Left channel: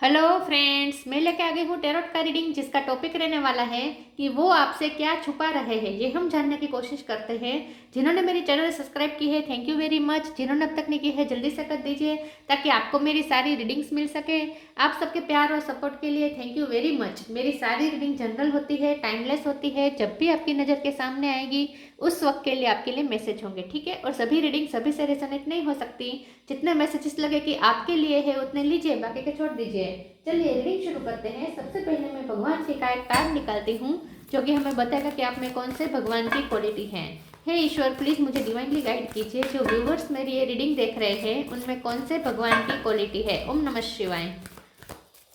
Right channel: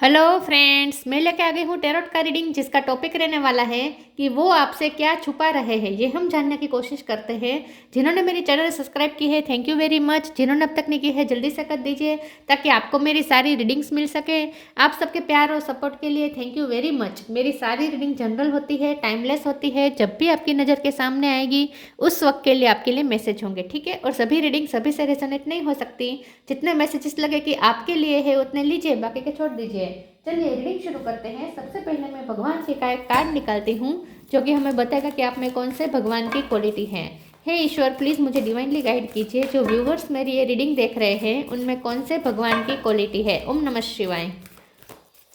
Hello friends, मैं लेके आ गई हूँ टेरोट का रीडिंग, जिसका टॉपिक रहने वाला है कि वो आपसे क्या छुपा रहे हैं। ये हम जानने की कोशिश करते हैं। जिन्होंने मेरी चैनल सब्सक्राइब की है, थैंक यू वेरी मच। जिन्होंने अब तक नहीं की है, जल्दी से कर दीजिए ताकि आपको मेरी सारी रीडिंग्स मिल सके। आप सबके प्यार और सपोर्ट के लिए थैंक यू वेरी मच। मेरी सारी रीडिंग जनरल होती है, टाइमलेस होती है। जब भी आपकी नज़र के सामने आएगी उस वक्त के लिए आपके लिए मैसेज होंगे, ठीक है। और सभी रीडिंग सभी से रेजोनेट नहीं हो सकती। जितने मैसेजेस लगे कि आपके लिए है उतने लीजिए, बाकी के छोड़ दीजिए। चलिए रीडिंग शुरू करते हैं। सबसे पहले मैं भगवान जी का एक कार्ड निकालती हूँ, जो कि हमें बताएगा कि आप में कौन से भगवान की क्वालिटी है। हे ईश्वर, प्लीज़ मुझे डिवाइनली गाइड कीजिए। जो व्यूवर्स मेरी ये रीडिंग देख रहे हैं उनमें कौन से भगवान की क्वालिटी है। ओम नमः शिवाय।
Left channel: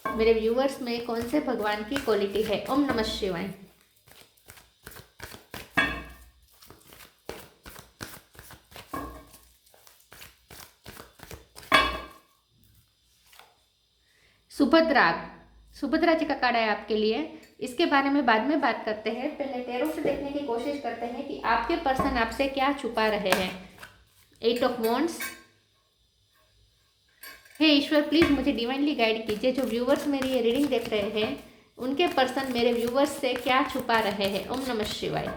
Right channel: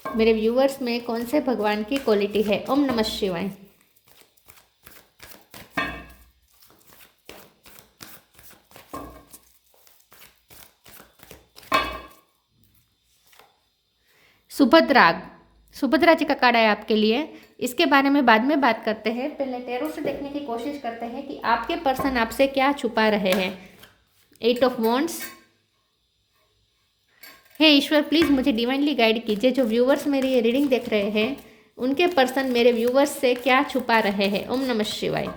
मेरे व्यूवर्स में कौन से भगवान की क्वालिटी है। ओम नमः शिवाय। सुभद्रा, सुभद्रा जी का कार्ड है आपके लिए। इसके बारे में बाद में बात करते हैं। पहले टैरो से देखने की कोशिश करते हैं कि आपके पर्सन आपसे क्या छुपा रहे हैं। 8 ऑफ वॉन्ड्स। हे ईश्वर, प्लीज़ मुझे डिवाइनली गाइड कीजिए। जो व्यूवर्स मेरी ये रीडिंग देख रहे हैं उनके पर्सन मेरे व्यूवर्स से क्या छुपा रहे हैं। ओम नमः शिवाय।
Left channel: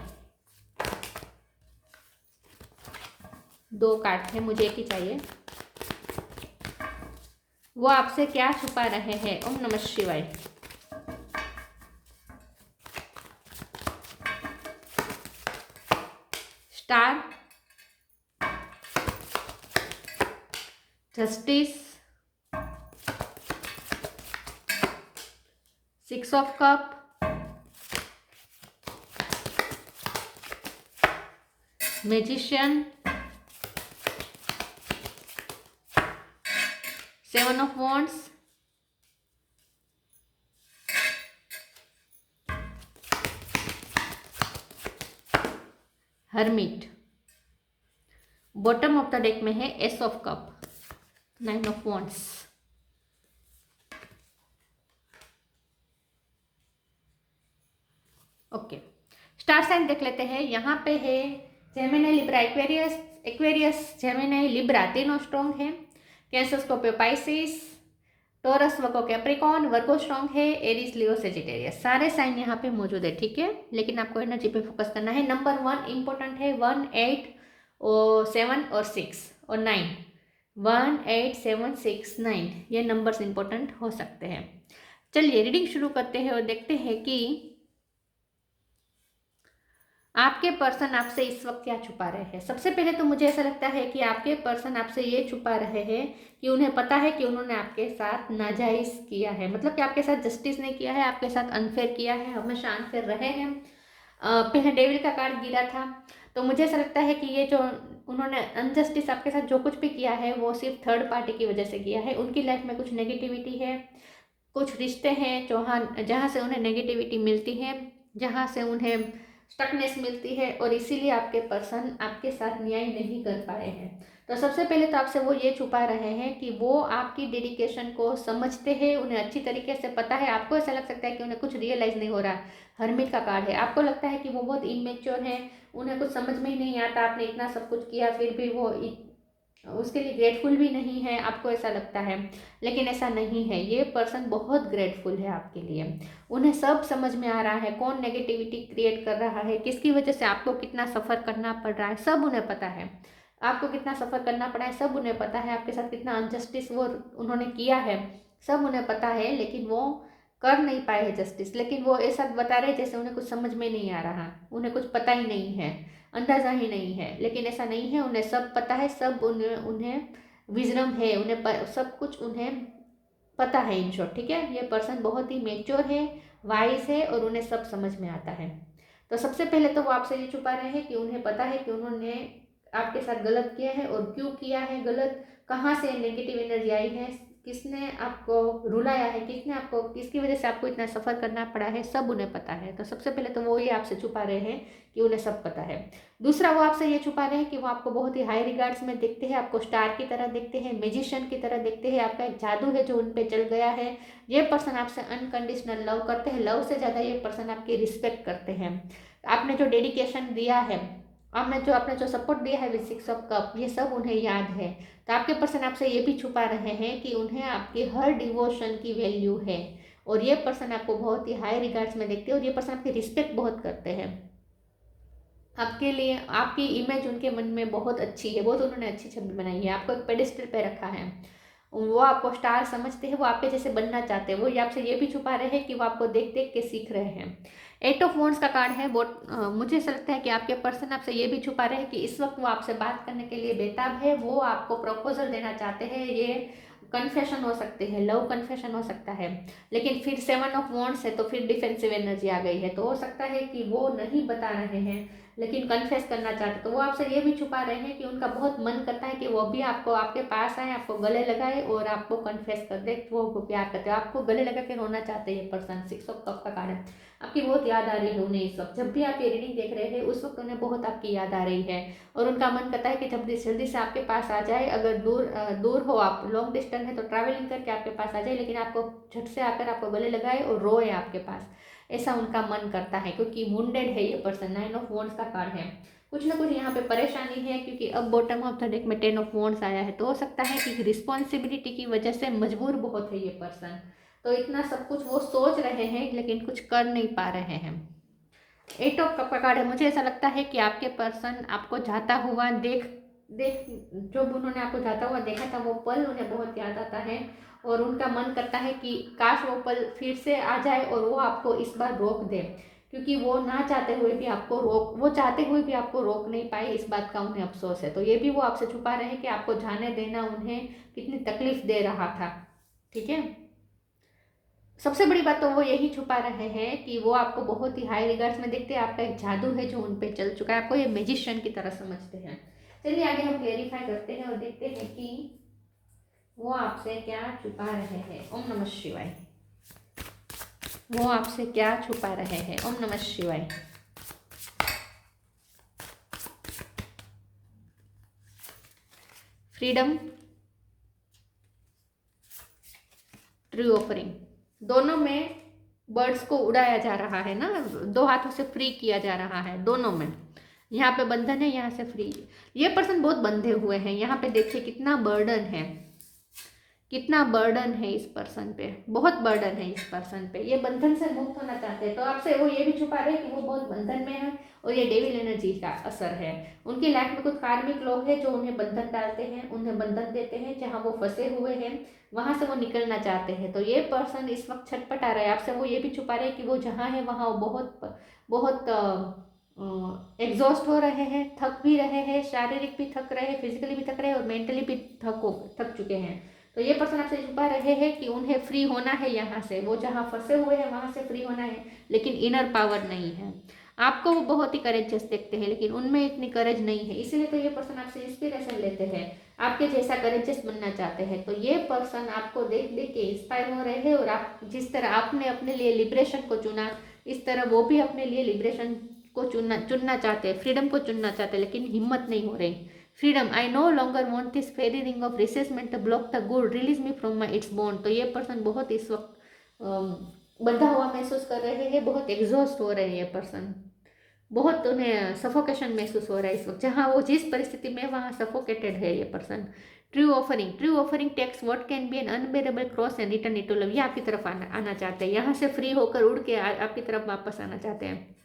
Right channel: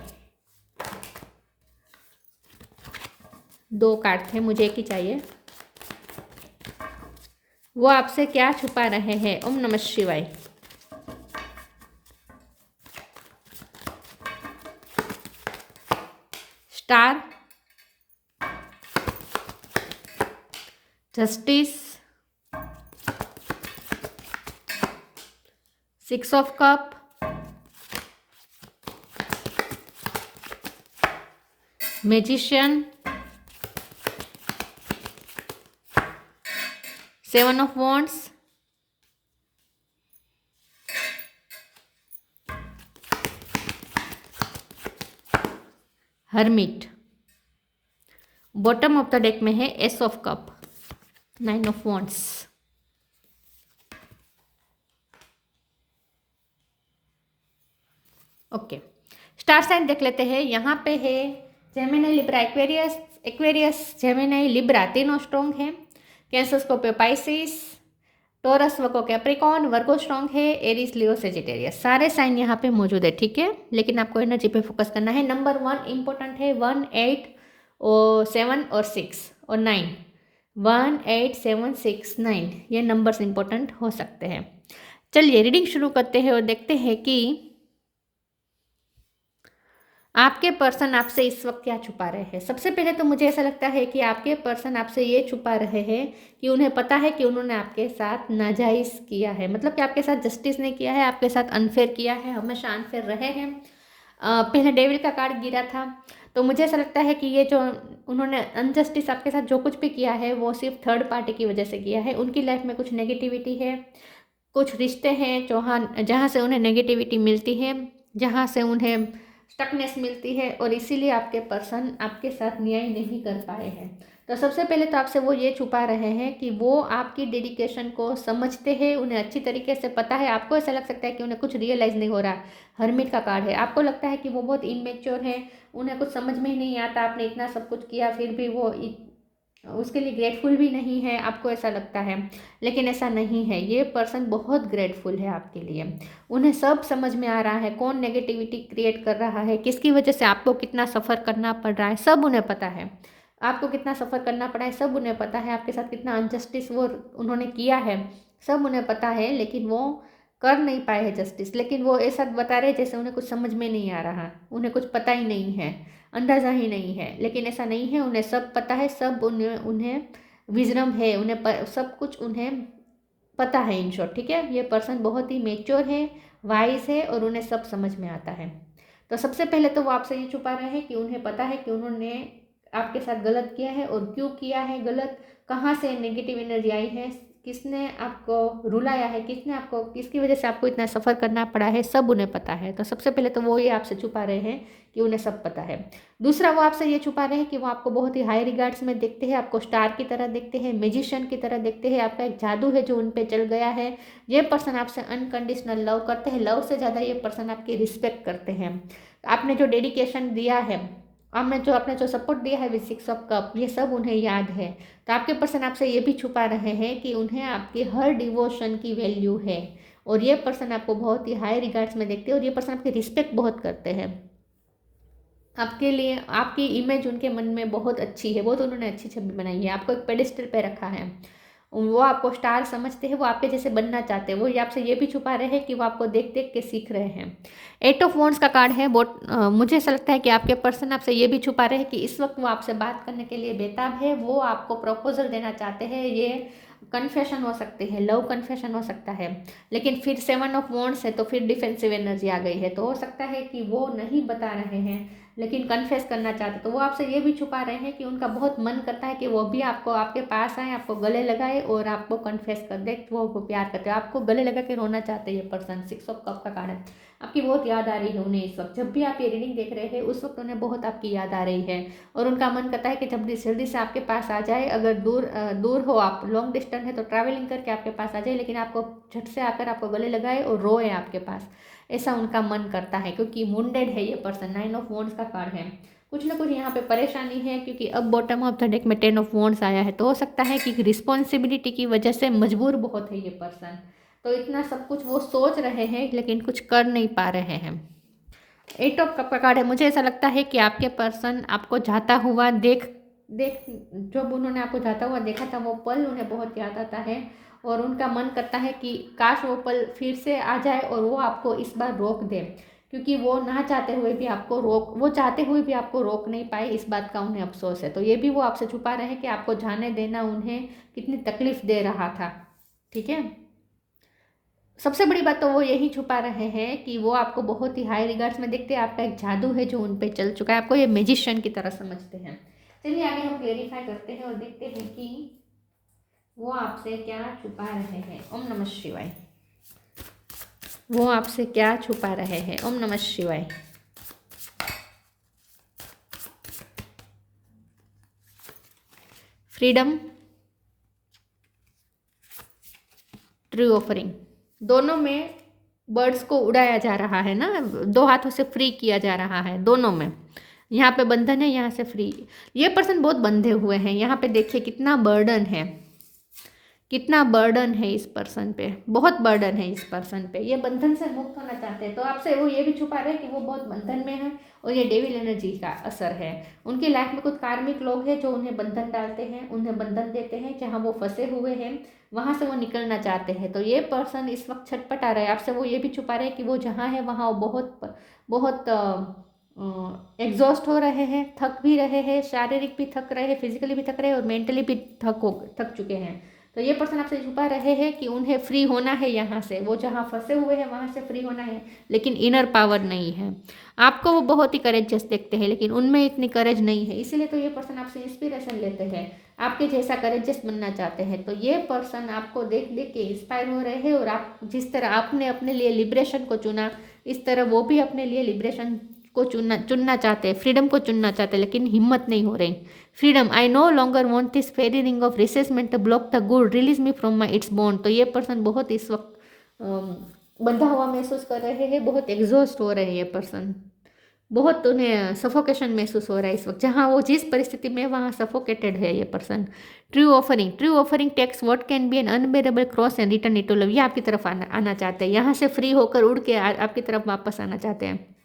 2 कार्ड थे, मुझे एक ही चाहिए। वो आपसे क्या छुपा रहे हैं। ओम नमः शिवाय। Star, justice, 6 of cup, magician, 7 of wands, hermit. Bottom of the deck में है ace of cup, 9 of wands. Okay, star sign देख लेते हैं। यहाँ पे है Gemini, Libra, Aquarius. Aquarius, Gemini, Libra तीनों स्ट्रॉन्ग है। Cancer, Scorpio, Pisces, Taurus, Virgo, Capricorn. Virgo strong है। एरीज, लियो, सेजिटेरियस, सारे साइन यहाँ पे मौजूद है, ठीक है। लेकिन आपको एनर्जी पे फोकस करना है। नंबर 1 इंपॉर्टेंट है। 1, 8 और 7 और 6 और 9। 1, 8, 7, 6, 9 ये नंबर्स इंपॉर्टेंट हो सकते हैं। चलिए रीडिंग शुरू करते हैं और देखते हैं कि आपके पर्सन आपसे इस वक्त क्या छुपा रहे हैं। सबसे पहले तो मुझे ऐसा लगता है कि आपके पर्सन आपसे ये छुपा रहे हैं कि उन्हें पता है कि उन्होंने आपके साथ नाजायज़ किया है, मतलब कि आपके साथ जस्टिस नहीं किया है, आपके साथ अनफेयर किया है, हमेशा अनफेयर रहे हैं। पहले डेविल का कार्ड गिरा था, तो मुझे ऐसा लगता है कि ये जो उन्होंने अनजस्टिस आपके साथ जो कुछ भी किया है वो सिर्फ थर्ड पार्टी की वजह से किया है। उनकी लाइफ में कुछ नेगेटिविटी है, कुछ रिश्ते हैं जहाँ से उन्हें नेगेटिविटी मिलती है, जहाँ से उन्हें स्टकनेस मिलती है, और इसीलिए आपके पर्सन आपके साथ न्याय नहीं कर पाए हैं। तो सबसे पहले तो आपसे वो ये छुपा रहे हैं कि वो आपकी डेडिकेशन को समझते हैं, उन्हें अच्छी तरीके से पता है। आपको ऐसा लग सकता है कि उन्हें कुछ रियलाइज़ नहीं हो रहा। हर्मिट का कार्ड है। आपको लगता है कि वो बहुत इमेच्योर है, उन्हें कुछ समझ में ही नहीं आता। आपने इतना सब कुछ किया फिर भी वो उसके लिए ग्रेटफुल भी नहीं है, आपको ऐसा लगता है। लेकिन ऐसा नहीं है, ये पर्सन बहुत ग्रेटफुल है आपके लिए। उन्हें सब समझ में आ रहा है कौन नेगेटिविटी क्रिएट कर रहा है, किसकी वजह से आपको कितना सफ़र करना पड़ रहा है, सब उन्हें पता है। आपको कितना सफ़र करना पड़ा है सब उन्हें पता है। आपके साथ कितना अनजस्टिस वो उन्होंने किया है सब उन्हें पता है, लेकिन वो कर नहीं पाए हैं जस्टिस। लेकिन वो ऐसा बता रहे जैसे उन्हें कुछ समझ में नहीं आ रहा, उन्हें कुछ पता ही नहीं है, अंदाज़ा ही नहीं है। लेकिन ऐसा नहीं है, उन्हें सब पता है, सब उन्हें उन्हें विजडम है, सब कुछ उन्हें पता है, इन शॉर्ट, ठीक है। ये पर्सन बहुत ही मेच्योर है, वाइज है, और उन्हें सब समझ में आता है। तो सबसे पहले तो वो आपसे ये छुपा रहे हैं कि उन्हें पता है कि उन्होंने आपके साथ गलत किया है और क्यों किया है गलत, कहाँ से नेगेटिव एनर्जी आई है, किसने आपको रुलाया है, किसने आपको, किसकी वजह से आपको इतना सफ़र करना पड़ा है, सब उन्हें पता है। तो सबसे पहले तो वो ये आपसे छुपा रहे हैं कि उन्हें सब पता है। दूसरा, वो आपसे ये छुपा रहे हैं कि वो आपको बहुत ही हाई रिगार्ड्स में देखते हैं, आपको स्टार की तरह देखते हैं, मैजिशियन की तरह देखते हैं। आपका एक जादू है जो उन पे चल गया है। ये पर्सन आपसे अनकंडीशनल लव करते हैं, लव से ज़्यादा ये पर्सन आपकी रिस्पेक्ट करते हैं। आपने जो डेडिकेशन दिया है आपने जो सपोर्ट दिया है विद 6 ऑफ कप, ये सब उन्हें याद है। तो आपके पर्सन आपसे ये भी छुपा रहे हैं कि उन्हें आपके हर डिवोशन की वैल्यू है, और ये पर्सन आपको बहुत ही हाई रिगार्ड्स में देखते हैं, और ये पर्सन आपकी रिस्पेक्ट बहुत करते हैं। आपके लिए आपकी इमेज उनके मन में बहुत अच्छी है, बहुत उन्होंने अच्छी छवि बनाई है, आपको एक पेडिस्टल पे रखा है। वो आपको स्टार समझते हैं, वो आपके जैसे बनना चाहते हैं। वो ये आपसे ये भी छुपा रहे हैं कि वो आपको देख देख के सीख रहे हैं। 8 ऑफ वॉन्ड्स का कार्ड है। बहुत मुझे ऐसा लगता है कि आपके पर्सन आपसे ये भी छुपा रहे हैं कि इस वक्त वो आपसे बात करने के लिए बेताब है। वो आपको प्रपोजल देना चाहते हैं। ये कन्फेशन हो सकती है, लव कन्फेशन हो सकता है, लेकिन फिर 7 ऑफ वॉन्ड्स है तो फिर डिफेंसिव एनर्जी आ गई है। तो हो सकता है कि वो नहीं बता रहे हैं लेकिन कन्फेस करना चाहते, तो वो आपसे ये भी छुपा रहे हैं कि उनका बहुत मन करता है कि वो भी आपको आपके पास आए, आपको गले लगाए और आपको कन्फेस कर दे। वो प्यार करते हैं, आपको गले लगा के रोना चाहते हैं ये पर्सन। 6 ऑफ कप का कार्ड है। आपकी बहुत याद आ रही है उन्हें इस वक्त। जब भी आप ये रीडिंग देख रहे हैं उस वक्त उन्हें बहुत आपकी याद आ रही है, और उनका मन करता है कि जल्दी जल्दी से आपके पास आ जाए। अगर दूर हो, आप लॉन्ग डिस्टेंस है तो ट्रैवलिंग करके आपके पास आ जाए, लेकिन आपको झट से आकर आपको गले लगाए और रोए आपके पास, ऐसा उनका मन करता है। क्योंकि वुंडेड है ये पर्सन। 9 ऑफ वॉन्ड्स का कार्ड है। कुछ ना कुछ यहाँ पे परेशानी है, क्योंकि अब बॉटम ऑफ द डेक में 10 ऑफ वॉन्ड्स आया है। तो हो सकता है कि रिस्पॉन्सिबिलिटी की वजह से मजबूर बहुत है ये पर्सन। तो इतना सब कुछ वो सोच रहे हैं लेकिन कुछ कर नहीं पा रहे हैं। 8 ऑफ कप का कार्ड है। मुझे ऐसा लगता है कि आपके पर्सन आपको जाता हुआ देख देख जब उन्होंने आपको जाता हुआ देखा था वो पल उन्हें बहुत याद आता है, और उनका मन करता है कि काश वो पल फिर से आ जाए और वो आपको इस बार रोक दे। क्योंकि वो ना चाहते हुए भी आपको वो चाहते हुए भी आपको रोक नहीं पाए, इस बात का उन्हें अफसोस है। तो ये भी वो आपसे छुपा रहे हैं कि आपको जाने देना उन्हें कितनी तकलीफ दे रहा था। ठीक है। सबसे बड़ी बात तो वो यही छुपा रहे हैं कि वो आपको बहुत ही हाई रिगार्ड्स में देखते हैं। आपका एक जादू है जो उन पे चल चुका है, आपको ये मैजिशियन की तरह समझते हैं। चलिए आगे हम क्लेरिफाई करते हैं और देखते हैं कि वो आपसे क्या छुपा रहे हैं। ओम नमः शिवाय। वो आपसे क्या छुपा रहे हैं। ओम नमः शिवाय। Freedom, true offering. दोनों में बर्ड्स को उड़ाया जा रहा है ना, 2 हाथों से फ्री किया जा रहा है दोनों में। यहाँ पे बंधन है, यहाँ से फ्री। ये पर्सन बहुत बंधे हुए हैं। यहाँ पे देखिए कितना बर्डन है, कितना बर्डन है इस पर्सन पे, बहुत बर्डन है इस पर्सन पे। ये बंधन से मुक्त होना चाहते हैं। तो आपसे वो ये भी छुपा रहे हैं कि वो बहुत बंधन में है, और ये डेविल एनर्जी का असर है। उनकी लाइफ में कुछ कार्मिक लोग हैं जो उन्हें बंधन डालते हैं, उन्हें बंधन देते हैं। जहाँ वो फंसे हुए हैं वहां से वो निकलना चाहते हैं। तो ये पर्सन इस वक्त छटपटा रहे हैं। आपसे वो ये भी छुपा रहे हैं कि वो जहाँ है वहाँ वो बहुत बहुत एग्जॉस्ट हो रहे हैं, थक भी रहे हैं, शारीरिक भी थक रहे हैं, फिजिकली भी थक रहे हैं, और मेंटली भी थक चुके हैं। तो ये पर्सन आपसे छुपा रहे हैं कि उन्हें फ्री होना है यहाँ से। वो जहाँ फंसे हुए हैं वहाँ से फ्री होना है, लेकिन इनर पावर नहीं है। आपको वो बहुत ही करेजियस देखते हैं लेकिन उनमें इतनी करेज नहीं है, इसलिए तो ये पर्सन आपसे इंस्पिरेशन लेते हैं, आपके जैसा करेजियस बनना चाहते हैं। तो ये पर्सन आपको देख देख के इंस्पायर हो रहे हैं, और आप जिस तरह आपने अपने लिए लिबरेशन को चुना, इस तरह वो भी अपने लिए लिबरेशन को चुनना चाहते हैं, फ्रीडम को चुनना चाहते हैं, लेकिन हिम्मत नहीं हो रही। Freedom, I no longer want this fairy ring of resentment the block the good, release me from my its bond. तो ये पर्सन बहुत इस वक्त बंधा हुआ महसूस कर रहे हैं, बहुत एग्जॉस्ट हो रहे हैं ये पर्सन, बहुत उन्हें सफोकेशन महसूस हो रहा है इस वक्त। जहाँ वो जिस परिस्थिति में वहाँ सफोकेटेड है ये person. True offering, true offering takes what can be an unbearable cross and return it to love. ये आपकी तरफ आना चाहते हैं, यहाँ से फ्री होकर उड़ के आपकी तरफ वापस आना चाहते हैं।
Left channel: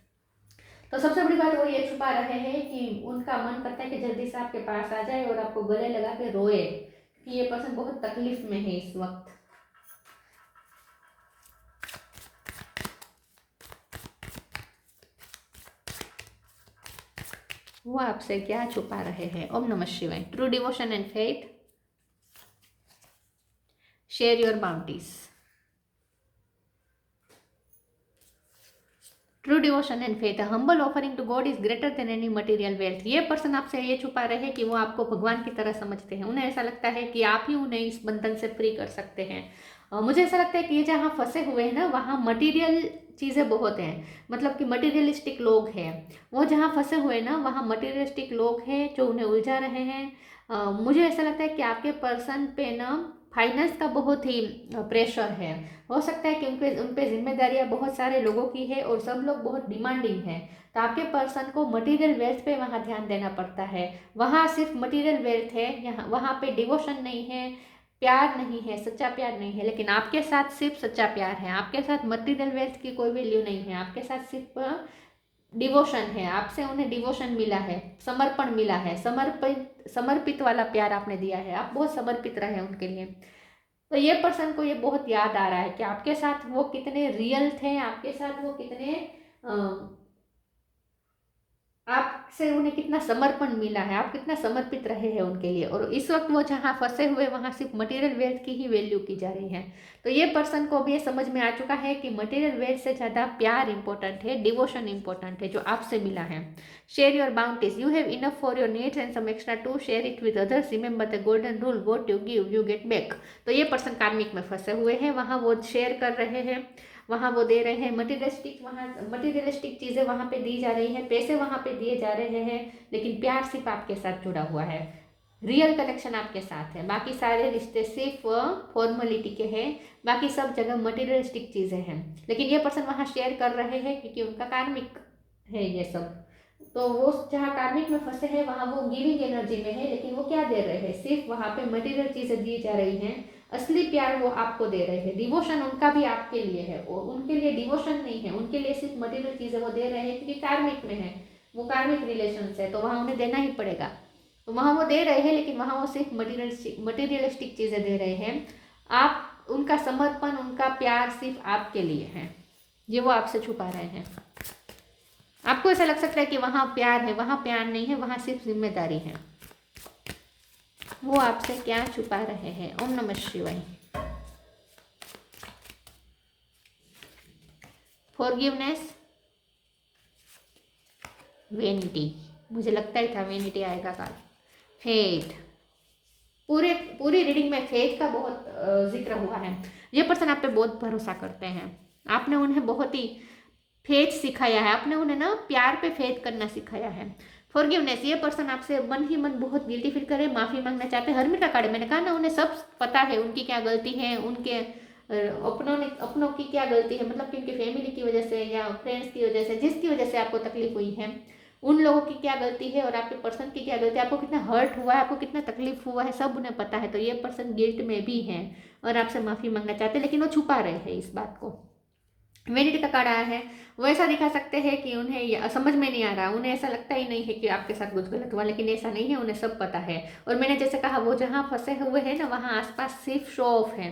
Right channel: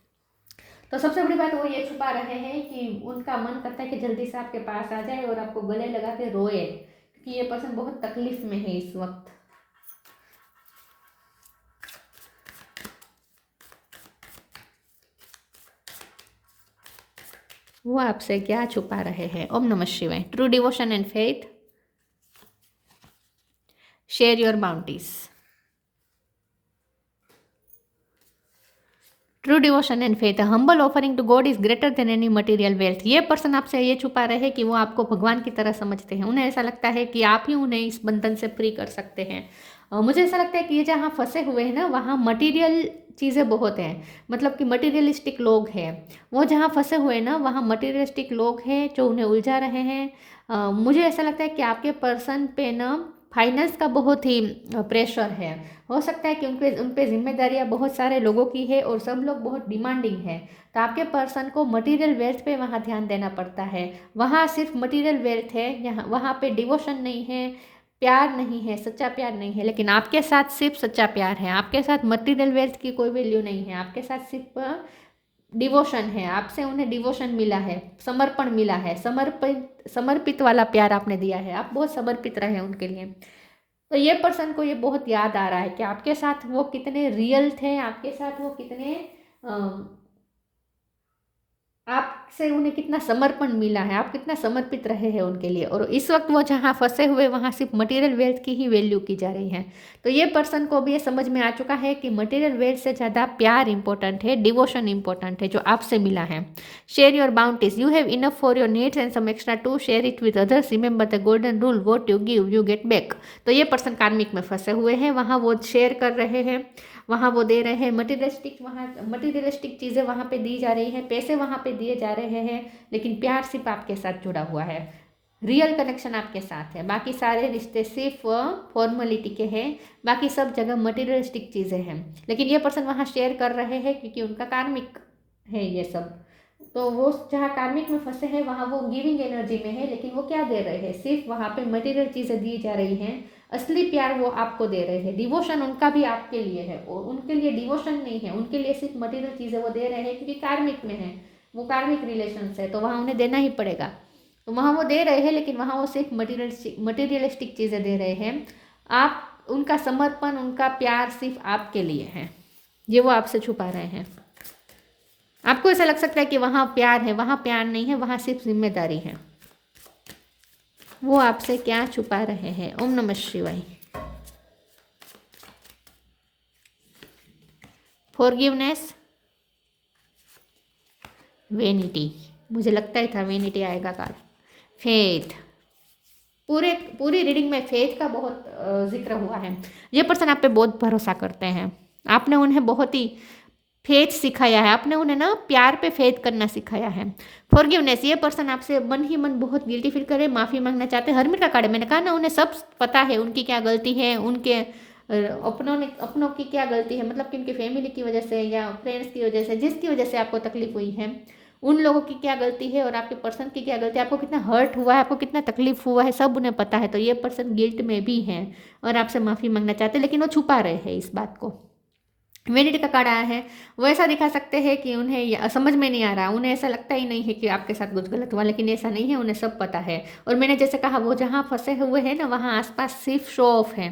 तो सबसे बड़ी बात वो ये छुपा रहे हैं कि उनका मन करता है कि जल्दी से आपके पास आ जाए और आपको गले लगा के रोए, क्योंकि ये पर्सन बहुत तकलीफ में है इस वक्त। वो आपसे क्या छुपा रहे हैं। ओम नमः शिवाय। True devotion and faith, share your bounties. True devotion and faith, humble offering to God is greater than any material wealth. ये पर्सन आपसे ये छुपा रहे हैं कि वो आपको भगवान की तरह समझते हैं। उन्हें ऐसा लगता है कि आप ही उन्हें इस बंधन से फ्री कर सकते हैं। मुझे ऐसा लगता है कि ये जहाँ फंसे हुए हैं ना वहाँ मटेरियल चीज़ें बहुत हैं, मतलब कि मटेरियलिस्टिक लोग हैं। वो जहाँ फंसे हुए हैं ना वहाँ मटेरियलिस्टिक लोग हैं जो उन्हें उलझा रहे हैं। मुझे ऐसा लगता है कि आपके पर्सन पे ना फाइनेंस का बहुत ही प्रेशर है। हो सकता है कि उन पे जिम्मेदारियां बहुत सारे लोगों की है और सब लोग बहुत डिमांडिंग है। तो आपके पर्सन को मटेरियल वेल्थ पे वहाँ ध्यान देना पड़ता है। वहाँ सिर्फ मटेरियल वेल्थ है, यहाँ वहाँ पे डिवोशन नहीं है, प्यार नहीं है, सच्चा प्यार नहीं है। लेकिन आपके साथ सिर्फ सच्चा प्यार है, आपके साथ मटेरियल वेल्थ की कोई वैल्यू नहीं है, आपके साथ सिर्फ डिवोशन है। आपसे उन्हें डिवोशन मिला है, समर्पण मिला है, समर्पित वाला प्यार आपने दिया है, आप बहुत समर्पित रहे उनके लिए। तो ये पर्सन को ये बहुत याद आ रहा है कि आपके साथ वो कितने रियल थे, आपके साथ वो कितने आपसे उन्हें कितना समर्पण मिला है, आप कितना समर्पित रहे हैं उनके लिए। और इस वक्त वो जहाँ फंसे हुए वहाँ सिर्फ मटेरियल वेल्थ की ही वैल्यू की जा रही है। तो ये पर्सन को भी ये समझ में आ चुका है कि मटेरियल वेल्थ से ज़्यादा प्यार इंपॉर्टेंट है, डिवोशन इंपॉर्टेंट है जो आपसे मिला है। Share your bounties, you have enough for your needs and some extra to share it with others, remember the golden rule, what you give you get back. तो ये पर्सन कार्मिक में फंसे हुए हैं, वहाँ वो शेयर कर रहे हैं, वहाँ वो दे रहे हैं, मटीरियलिस्टिक चीज़ें वहाँ पे दी जा रही हैं, पैसे वहाँ पे दिए जा रहे हैं, लेकिन प्यार सिर्फ आपके साथ जुड़ा हुआ है, रियल कनेक्शन आपके साथ है। बाकी सारे रिश्ते सिर्फ फॉर्मेलिटी के हैं, बाकी सब जगह मटीरियलिस्टिक चीज़ें हैं। लेकिन ये पर्सन वहाँ शेयर कर रहे हैं क्योंकि उनका कार्मिक है ये सब। तो वो जहाँ कार्मिक में फंसे हैं वहाँ वो गिविंग एनर्जी में है, लेकिन वो क्या दे रहे हैं, सिर्फ वहाँ पे मटेरियल चीज़ें दी जा रही हैं। असली प्यार वो आपको दे रहे हैं, डिवोशन उनका भी आपके लिए है, और उनके लिए डिवोशन नहीं है, उनके लिए सिर्फ मटेरियल चीज़ें वो दे रहे हैं क्योंकि कार्मिक में है, वो कार्मिक रिलेशन है, तो वहाँ उन्हें देना ही पड़ेगा। तो वहाँ वो दे रहे हैं, लेकिन वहाँ वो सिर्फ मटीरियलिस्टिक चीज़ें दे रहे हैं। आप उनका समर्पण, उनका प्यार सिर्फ आपके लिए है, ये वो आपसे छुपा रहे हैं। आपको ऐसा लग सकता है कि वहाँ प्यार है, वहाँ प्यार नहीं है, वहाँ सिर्फ जिम्मेदारी है। वो आपसे क्या छुपा रहे हैं? ओम नमः शिवाय। फॉरगिवनेस, वेनिटी, मुझे लगता ही था वेनिटी आएगा कार्ड। फेथ, पूरी रीडिंग में फेथ का बहुत जिक्र हुआ है। ये पर्सन आप पे बहुत भरोसा करते हैं, आपने उन्हें बहुत ही फेथ सिखाया है, आपने उन्हें ना प्यार पे फेथ करना सिखाया है। फॉरगिवनेस, ये पर्सन आपसे मन ही मन बहुत गिल्टी फील करे, माफ़ी मांगना चाहते हैं। हरमिट का कार्ड, मैंने कहा ना उन्हें सब पता है उनकी क्या गलती है, उनके अपनों की क्या गलती है, मतलब कि उनकी फैमिली की वजह से या फ्रेंड्स की वजह से, जिसकी वजह से आपको तकलीफ हुई है, उन लोगों की क्या गलती है और आपके पर्सन की क्या गलती है, आपको कितना हर्ट हुआ है, आपको कितना तकलीफ हुआ है, सब उन्हें पता है। तो ये पर्सन गिल्ट में भी है और आपसे माफ़ी मांगना चाहते हैं, लेकिन वो छुपा रहे हैं इस बात को। वेनिटी का कार्ड आया है, वो ऐसा दिखा सकते हैं कि उन्हें समझ में नहीं आ रहा, उन्हें ऐसा लगता ही नहीं है कि आपके साथ कुछ गलत हुआ, लेकिन ऐसा नहीं है, उन्हें सब पता है। और मैंने जैसे कहा वो जहाँ फंसे हुए हैं ना, वहाँ आसपास सिर्फ शो ऑफ है,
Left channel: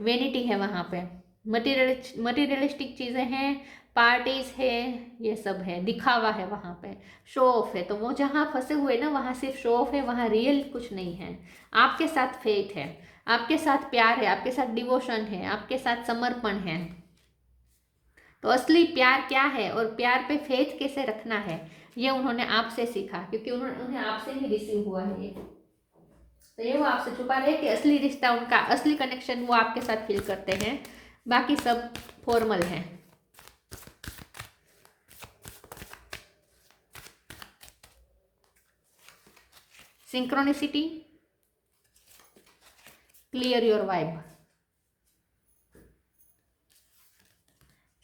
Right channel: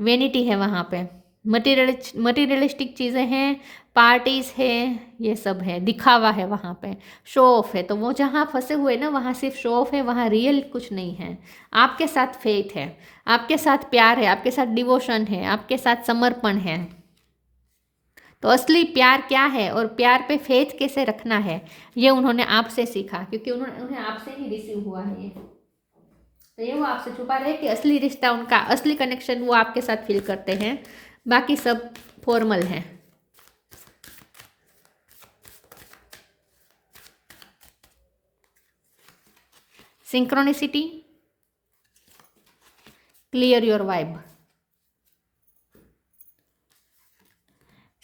वेनिटी है वहाँ पे, मटीरियलिस्टिक चीज़ें हैं, पार्टीज है, ये सब है, दिखावा है वहाँ पे, शो ऑफ है। तो वो जहाँ फंसे हुए ना वहाँ सिर्फ शो ऑफ है, वहाँ रियल कुछ नहीं है। आपके साथ फेथ है, आपके साथ प्यार है, आपके साथ डिवोशन है, आपके साथ समर्पण है। तो असली प्यार क्या है और प्यार पे फेथ कैसे रखना है, ये उन्होंने आपसे सीखा, क्योंकि उन्हें आपसे ही रिसीव हुआ है ये। तो ये वो आपसे छुपा रहे कि असली रिश्ता उनका, असली कनेक्शन वो आपके साथ फील करते हैं, बाकी सब फॉर्मल है। Synchronicity, clear your vibe.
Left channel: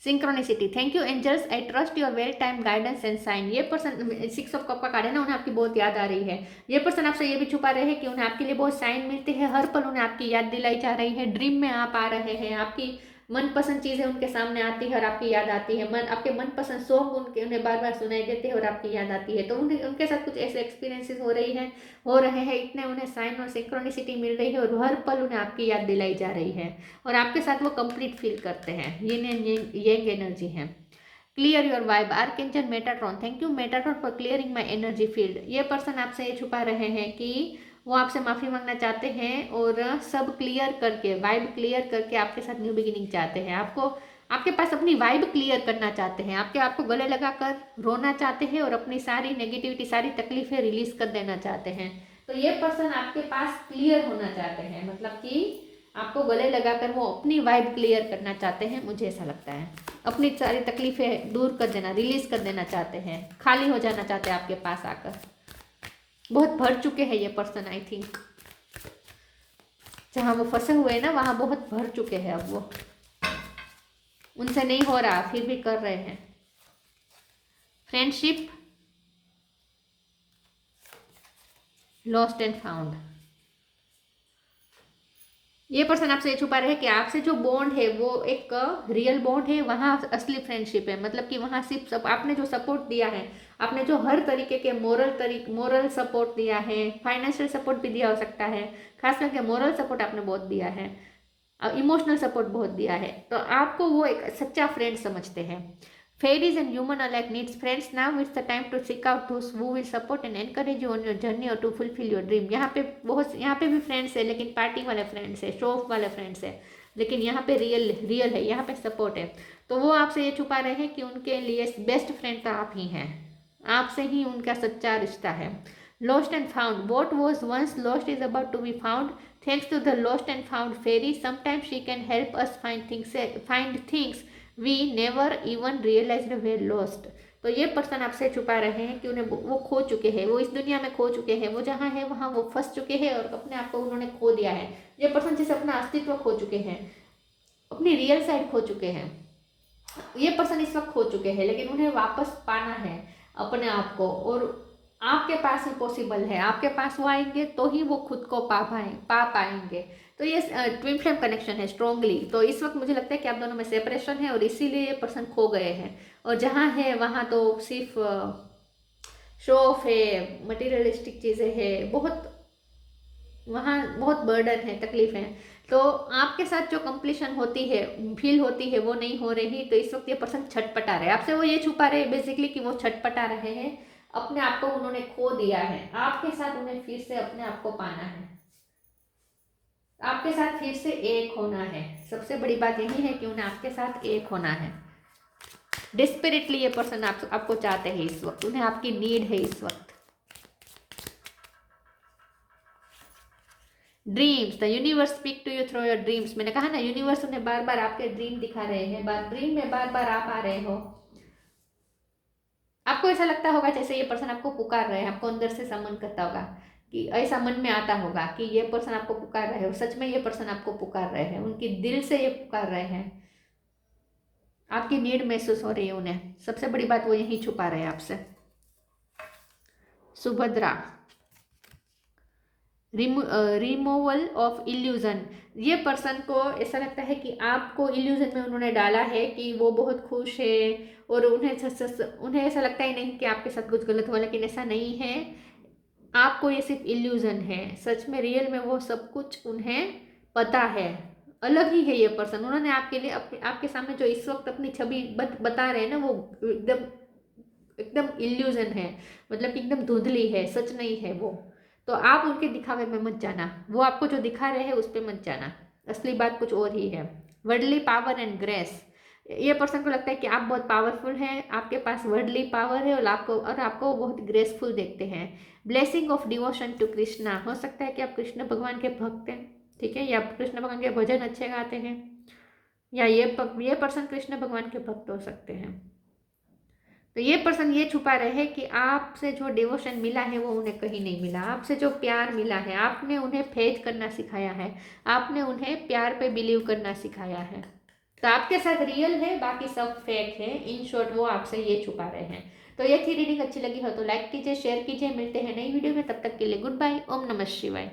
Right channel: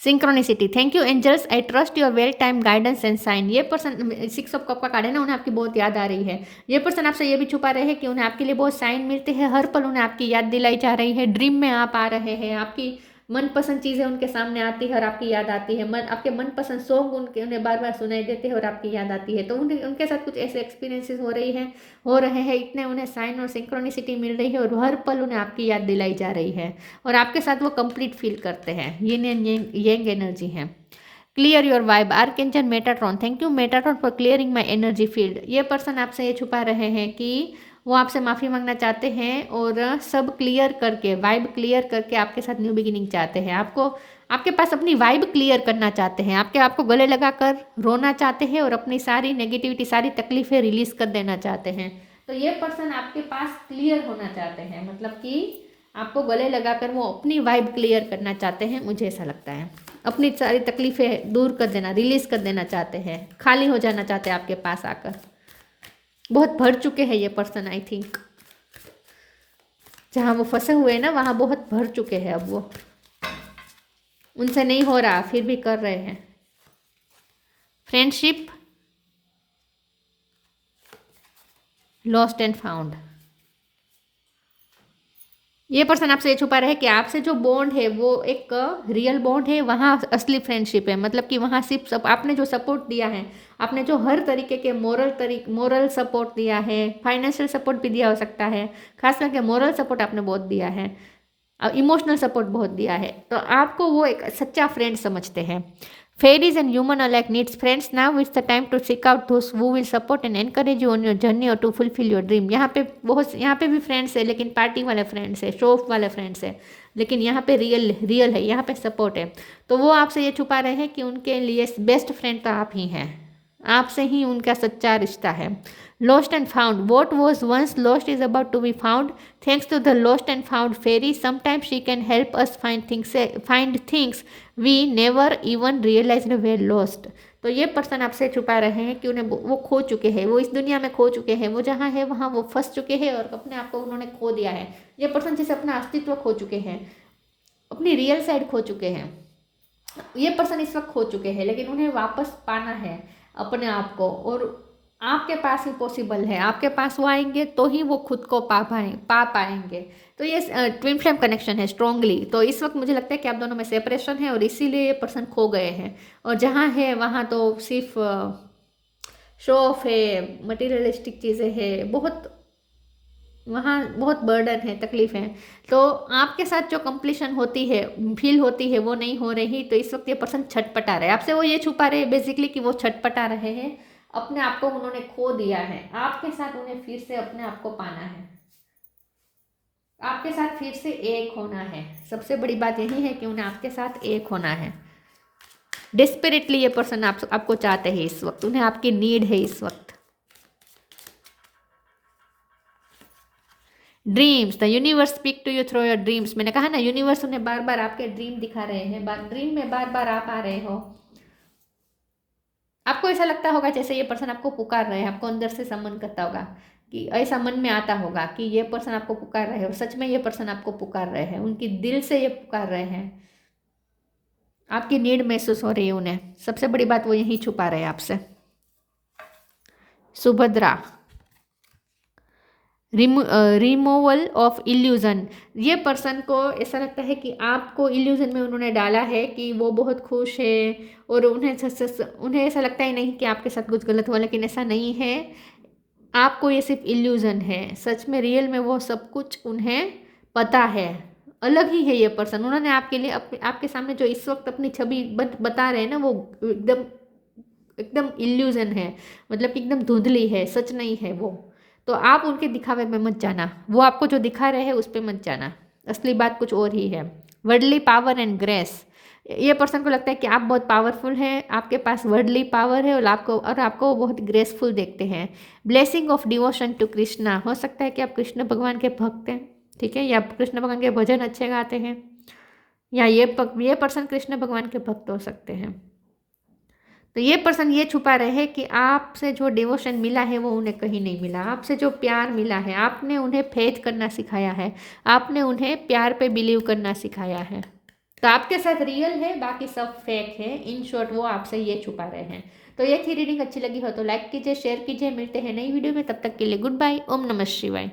Synchronicity, thank you angels, I trust your well time guidance and sign. ये पर्सन 6 ऑफ कप का कार्ड है ना, उन्हें आपकी बहुत याद आ रही है। ये पर्सन आपसे ये भी छुपा रहे हैं कि उन्हें आपके लिए बहुत साइन मिलते हैं, हर पल उन्हें आपकी याद दिलाई जा रही है, ड्रीम में आप आ रहे हैं, आपकी मनपसंद चीज़ें उनके सामने आती है और आपकी याद आती है, आपके मनपसंद सॉन्ग उन्हें बार बार सुनाई देते हैं और आपकी याद आती है। तो उनके साथ कुछ ऐसे एक्सपीरियंसेस हो रहे हैं, इतने उन्हें साइन और सिंक्रोनिसिटी मिल रही है और हर पल उन्हें आपकी याद दिलाई जा रही है और आपके साथ वो कंप्लीट फील करते हैं। ये एनर्जी है। Clear your vibe, archangel Metatron, thank you Metatron for clearing my energy field. ये पर्सन आपसे ये छुपा रहे हैं कि वो आपसे माफ़ी मांगना चाहते हैं और सब क्लियर करके, वाइब क्लियर करके आपके साथ न्यू बिगिनिंग चाहते हैं। आपके पास अपनी वाइब क्लियर करना चाहते हैं, आपको गले लगाकर रोना चाहते हैं और अपनी सारी नेगेटिविटी, सारी तकलीफें रिलीज कर देना चाहते हैं। तो ये पर्सन आपके पास क्लियर होना चाहते हैं, मतलब कि आपको गले लगाकर वो अपनी वाइब क्लियर करना चाहते हैं, मुझे ऐसा लगता है। अपनी सारी तकलीफें दूर कर देना, रिलीज कर देना चाहते हैं, खाली हो जाना चाहते हैं आपके पास आकर। बहुत भर चुके हैं ये पर्सन, आई थिंक। जहाँ वो फंसे हुए हैं ना, वहाँ बहुत भर चुके हैं अब वो, उनसे नहीं हो रहा फिर भी कर रहे हैं। Friendship lost and found. ये पर्सन आपसे ये छुपा रहे हैं कि आपसे जो बॉन्ड है वो एक रियल बॉन्ड है, वहाँ असली फ्रेंडशिप है। मतलब कि वहाँ सिर्फ सब आपने जो सपोर्ट दिया है, आपने जो हर तरीके के मोरल सपोर्ट दिया है, फाइनेंशियल सपोर्ट भी दिया हो सकता है, खास करके मोरल सपोर्ट आपने बहुत दिया है, इमोशनल सपोर्ट बहुत दिया है, तो आपको वो एक सच्चा फ्रेंड समझते हैं। Fairies and human alike needs friends. Now it's the time to seek out those who will support and encourage you on your journey or to fulfill your dream. यहाँ पे भी फ्रेंड्स है, लेकिन पार्टी वाले friends है, show off वाले friends है, लेकिन यहाँ पे रियल है, यहाँ पे सपोर्ट है। तो वो आपसे ये छुपा रहे हैं कि उनके लिए बेस्ट फ्रेंड तो आप ही हैं, आपसे ही उनका सच्चा रिश्ता है। Lost and found. What was once lost is about to be found. Thanks to the lost and found fairy, sometimes she can help us find things we never even realized were lost. तो ये person आपसे छुपा रहे हैं कि उन्हें वो खो चुके हैं, वो इस दुनिया में खो चुके हैं, वो जहाँ है वहाँ वो फंस चुके हैं और अपने आप को उन्होंने खो दिया है। ये पर्सन जैसे अपना अस्तित्व खो चुके हैं, अपनी रियल साइड खो चुके हैं। ये पर्सन इस वक्त खो चुके हैं, लेकिन उन्हें वापस पाना है अपने आप को, और आपके पास ही पॉसिबल है। आपके पास वो आएंगे तो ही वो खुद को पा पाएंगे। तो ये ट्विन फ्लेम कनेक्शन है स्ट्रांगली। तो इस वक्त मुझे लगता है कि आप दोनों में सेपरेशन है और इसीलिए ये पर्सन खो गए हैं, और जहाँ है वहाँ तो सिर्फ शो ऑफ है, मटेरियलिस्टिक चीज़ें हैं, बहुत वहाँ बहुत बर्डन है, तकलीफ है। तो आपके साथ जो कंप्लीशन होती है, फील होती है, वो नहीं हो रही। तो इस वक्त ये पर्सन छटपटा रहे, आपसे वो ये छुपा रहे बेसिकली कि वो छटपटा रहे हैं, अपने आप को उन्होंने खो दिया है, आपके साथ उन्हें फिर से अपने आप को पाना है, आपके साथ फिर से एक होना है। सबसे बड़ी बात यही है कि उन्हें आपके साथ एक होना है। डेस्परेटली ये पर्सन आपको चाहते हैं इस वक्त, उन्हें आपकी नीड है इस वक्त। Dreams, the universe speak to you through your dreams. मैंने कहा ना, यूनिवर्स उन्हें बार बार आपके ड्रीम दिखा रहे हैं, ड्रीम में बार बार आप आ रहे हो। आपको ऐसा लगता होगा जैसे ये पर्सन आपको पुकार रहे हैं, आपको अंदर से समन करता होगा कि ऐसा मन में आता होगा कि ये पर्सन आपको पुकार रहे हैं, और सच में ये पर्सन आपको पुकार रहे हैं, उनकी दिल से ये पुकार रहे हैं, आपकी नीड महसूस हो रही है उन्हें। सबसे बड़ी बात वो यही छुपा रहे हैं आपसे। Subhadra, removal of illusion. ये पर्सन को ऐसा लगता है कि आपको इल्यूजन में उन्होंने डाला है कि वो बहुत खुश है, और उन्हें ऐसा लगता ही नहीं कि आपके साथ कुछ गलत हुआ, लेकिन ऐसा नहीं है। आपको ये सिर्फ इल्यूजन है, सच में रियल में वो सब कुछ उन्हें पता है। अलग ही है ये पर्सन, उन्होंने आपके लिए आपके सामने जो इस वक्त अपनी छवि बता रहे हैं ना, वो एकदम एकदम इल्यूजन है, मतलब कि एकदम धुंधली है, सच नहीं है वो। तो आप उनके दिखावे में मत जाना, वो आपको जो दिखा रहे हैं उस पर मत जाना, असली बात कुछ और ही है। Worldly power and grace. ये पर्सन को लगता है कि आप बहुत पावरफुल हैं, आपके पास वर्डली पावर है, और आपको बहुत ग्रेसफुल देखते हैं। Blessing of devotion to Krishna. हो सकता है कि आप कृष्ण भगवान के भक्त हैं, ठीक है, या कृष्ण भगवान के भजन अच्छे गाते हैं, या ये पर्सन कृष्ण भगवान के भक्त हो सकते हैं। तो ये पर्सन ये छुपा रहे हैं कि आपसे जो डिवोशन मिला है वो उन्हें कहीं नहीं मिला, आपसे जो प्यार मिला है, आपने उन्हें फेथ करना सिखाया है, आपने उन्हें प्यार पे बिलीव करना सिखाया है। तो आपके साथ रियल है, बाकी सब फेक है। इन शॉर्ट वो आपसे ये छुपा रहे हैं। तो ये थी रीडिंग, अच्छी लगी हो तो लाइक कीजिए, शेयर कीजिए। मिलते हैं नई वीडियो में, तब तक के लिए गुड बाय। ओम नमः शिवाय।